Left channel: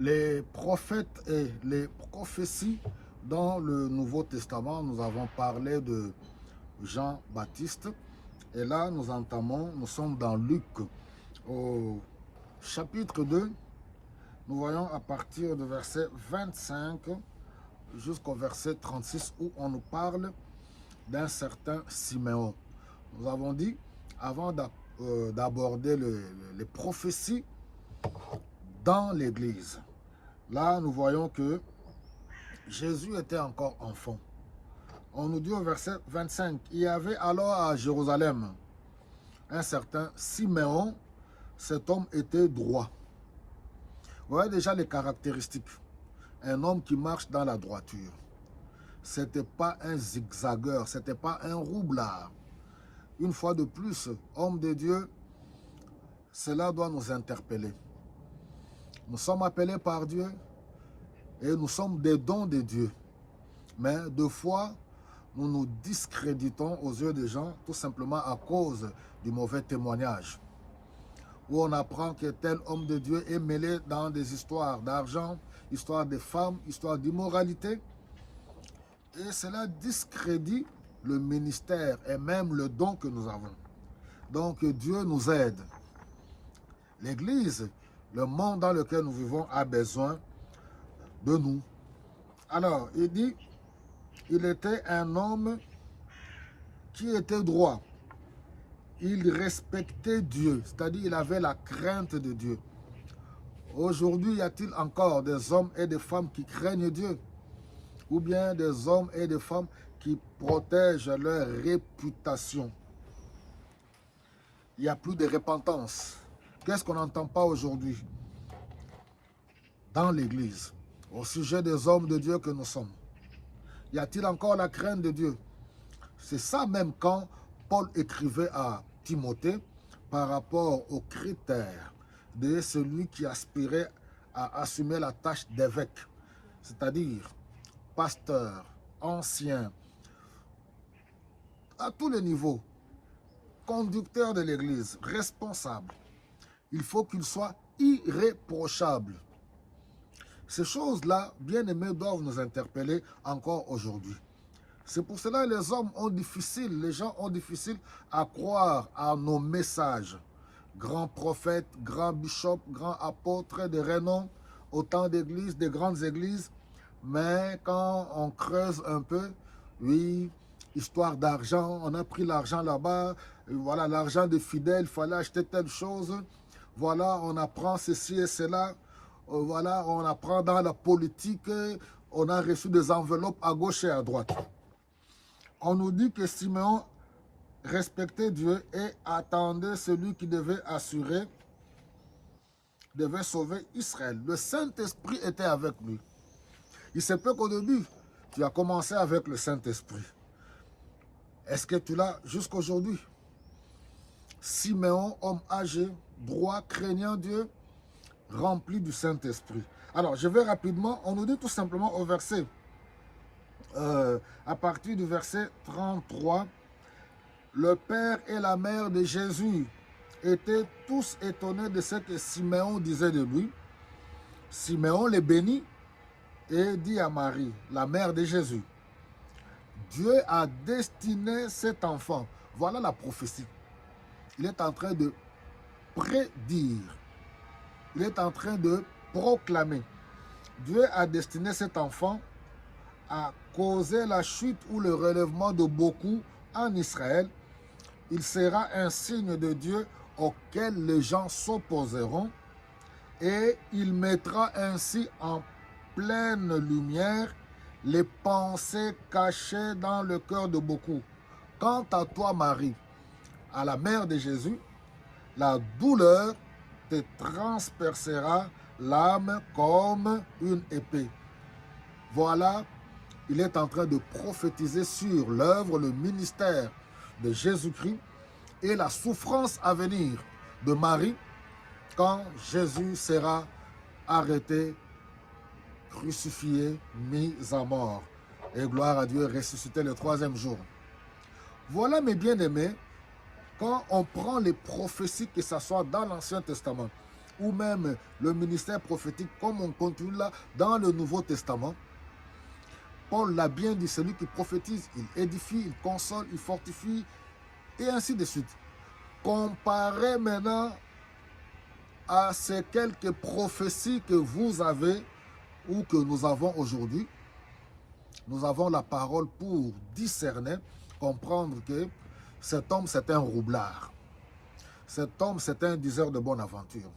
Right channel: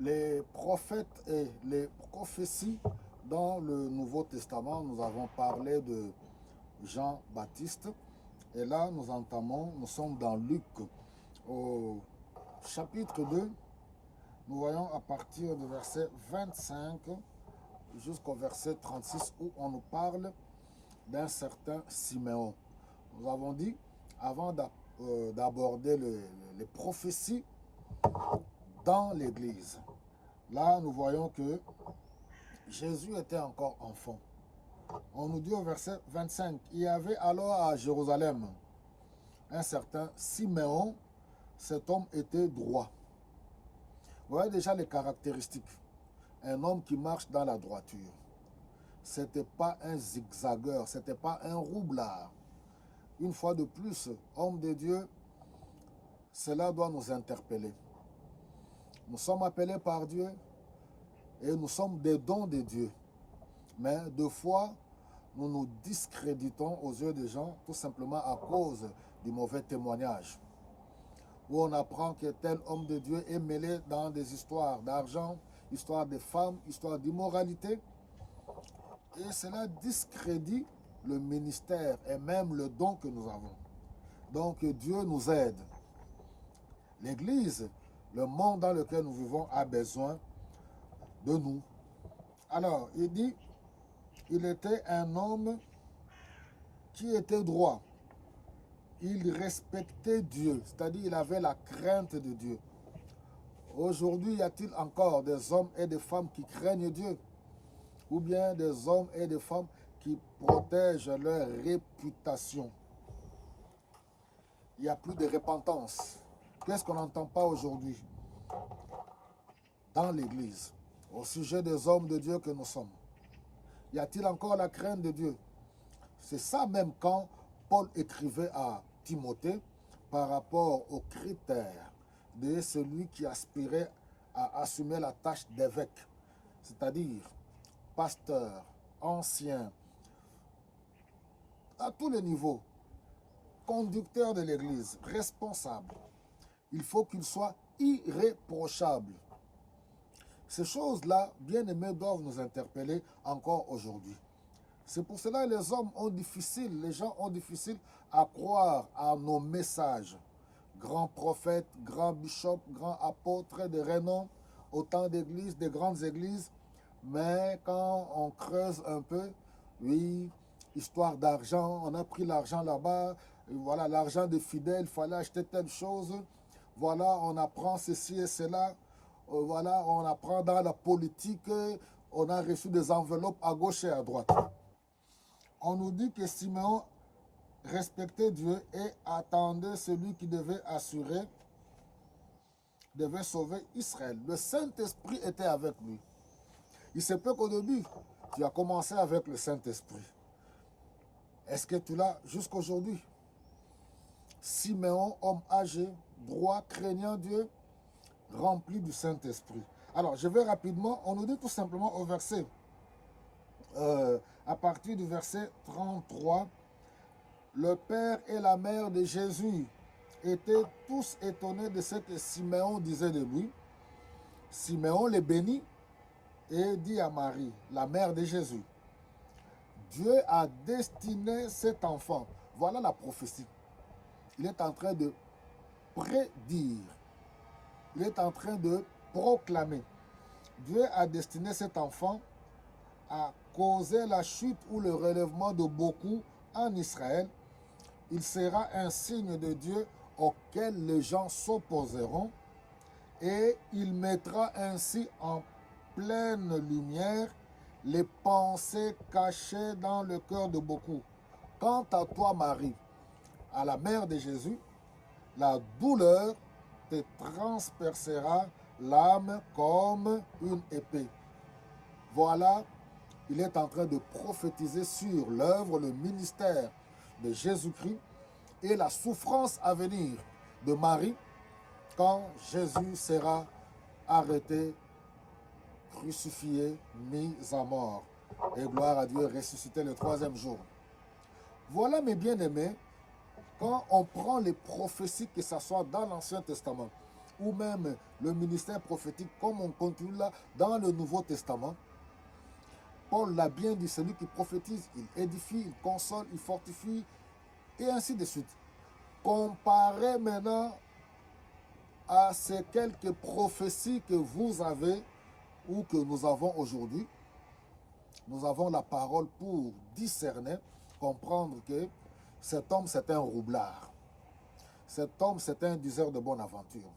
Les prophètes et les prophéties dans le Nouveau Testament, nous avons parlé de Jean-Baptiste. Et là, nous sommes dans Luc, au chapitre 2. Nous voyons à partir du verset 25 jusqu'au verset 36 où on nous parle d'un certain Siméon. Nous avons dit, avant d'aborder les prophéties dans l'Église, là nous voyons que Jésus était encore enfant. On nous dit au verset 25, il y avait alors à Jérusalem un certain Siméon. Cet homme était droit. Vous voyez déjà les caractéristiques. Un homme qui marche dans la droiture. Ce n'était pas un zigzagueur, ce n'était pas un roublard. Une fois de plus, homme de Dieu, cela doit nous interpeller. Nous sommes appelés par Dieu et nous sommes des dons de Dieu. Mais deux fois, nous nous discréditons aux yeux des gens tout simplement à cause du mauvais témoignage. Où on apprend que tel homme de Dieu est mêlé dans des histoires d'argent, histoires de femmes, histoires d'immoralité. Et cela discrédite le ministère et même le don que nous avons. Donc Dieu nous aide. L'Église, le monde dans lequel nous vivons a besoin de nous. Alors, il dit, il était un homme qui était droit. Il respectait Dieu, c'est-à-dire il avait la crainte de Dieu. Aujourd'hui, y a-t-il encore des hommes et des femmes qui craignent Dieu? Ou bien des hommes et des femmes qui protègent leur réputation? Il n'y a plus de repentance. Qu'est-ce qu'on n'entend pas aujourd'hui dans l'Église au sujet des hommes de Dieu que nous sommes? Y a-t-il encore la crainte de Dieu? C'est ça même quand Paul écrivait à Timothée par rapport aux critères de celui qui aspirait à assumer la tâche d'évêque, c'est-à-dire pasteur, ancien, à tous les niveaux, conducteur de l'Église, responsable. Il faut qu'il soit irréprochable. Ces choses-là, bien aimés, doivent nous interpeller encore aujourd'hui. C'est pour cela que les gens ont difficile à croire à nos messages. Grands prophètes, grands bishops, grands apôtres de renom, autant d'églises, de grandes églises. Mais quand on creuse un peu, oui, histoire d'argent, on a pris l'argent là-bas, voilà, l'argent des fidèles, il fallait acheter telle chose. Voilà, on apprend ceci et cela. Voilà, on apprend dans la politique, on a reçu des enveloppes à gauche et à droite. On nous dit que Siméon respectait Dieu et attendait celui qui devait assurer, devait sauver Israël. Le Saint-Esprit était avec lui. Il se peut qu'au début, tu as commencé avec le Saint-Esprit. Est-ce que tu l'as jusqu'aujourd'hui? Siméon, homme âgé, droit, craignant Dieu, rempli du Saint-Esprit. Alors, je vais rapidement, on nous dit tout simplement au verset, à partir du verset 33, le père et la mère de Jésus étaient tous étonnés de ce que Siméon disait de lui. Siméon les bénit et dit à Marie, la mère de Jésus, Dieu a destiné cet enfant. Voilà la prophétie. Il est en train de prédire. Il est en train de proclamer. Dieu a destiné cet enfant à causer la chute ou le relèvement de beaucoup en Israël. Il sera un signe de Dieu auquel les gens s'opposeront et il mettra ainsi en pleine lumière les pensées cachées dans le cœur de beaucoup. Quant à toi, Marie, à la mère de Jésus, la douleur te transpercera l'âme comme une épée. Voilà, il est en train de prophétiser sur l'œuvre, le ministère de Jésus-Christ et la souffrance à venir de Marie quand Jésus sera arrêté, crucifié, mis à mort. Et gloire à Dieu, ressuscité le troisième jour. Voilà, mes bien-aimés, quand on prend les prophéties, que ce soit dans l'Ancien Testament ou même le ministère prophétique, comme on continue là dans le Nouveau Testament, Paul l'a bien dit, celui qui prophétise, il édifie, il console, il fortifie, et ainsi de suite. Comparez maintenant à ces quelques prophéties que vous avez ou que nous avons aujourd'hui. Nous avons la parole pour discerner, comprendre que cet homme, c'est un roublard. Cet homme, c'est un diseur de bonne aventure.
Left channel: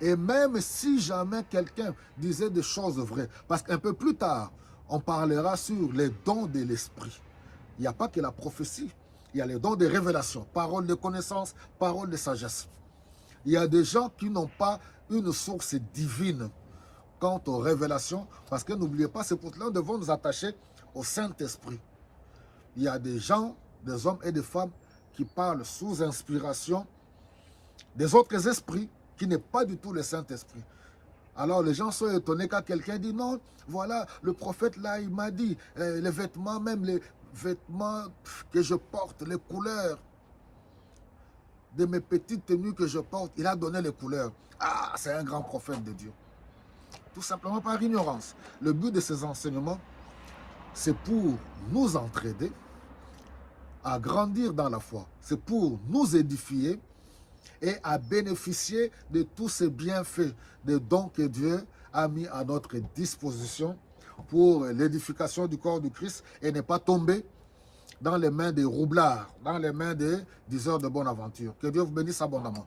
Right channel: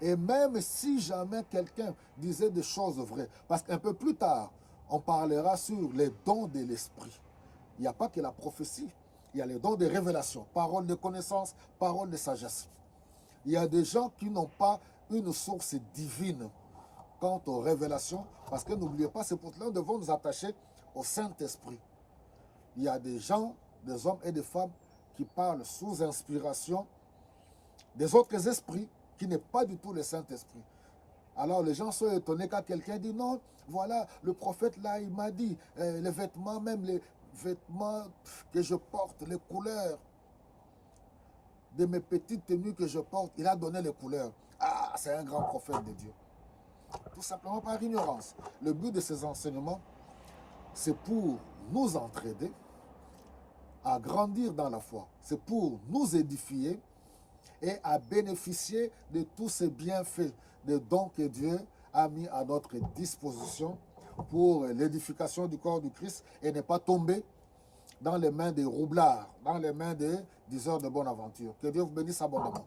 Et même si jamais quelqu'un disait des choses vraies, parce qu'un peu plus tard, on parlera sur les dons de l'esprit. Il n'y a pas que la prophétie, il y a les dons de révélation, parole de connaissance, parole de sagesse. Il y a des gens qui n'ont pas une source divine quant aux révélations, parce que n'oubliez pas, c'est pour cela que nous devons nous attacher au Saint-Esprit. Il y a des gens, des hommes et des femmes qui parlent sous inspiration des autres esprits qui n'est pas du tout le Saint-Esprit. Alors les gens sont étonnés quand quelqu'un dit non, voilà, le prophète là, il m'a dit, les vêtements, même les vêtements que je porte, les couleurs de mes petites tenues que je porte, il a donné les couleurs. Ah, c'est un grand prophète de Dieu. Tout simplement par ignorance. Le but de ces enseignements, c'est pour nous entraider à grandir dans la foi. C'est pour nous édifier et à bénéficier de tous ces bienfaits, des dons que Dieu a mis à notre disposition pour l'édification du corps du Christ et ne pas tomber dans les mains des roublards, dans les mains des diseurs de bonne aventure. Que Dieu vous bénisse abondamment.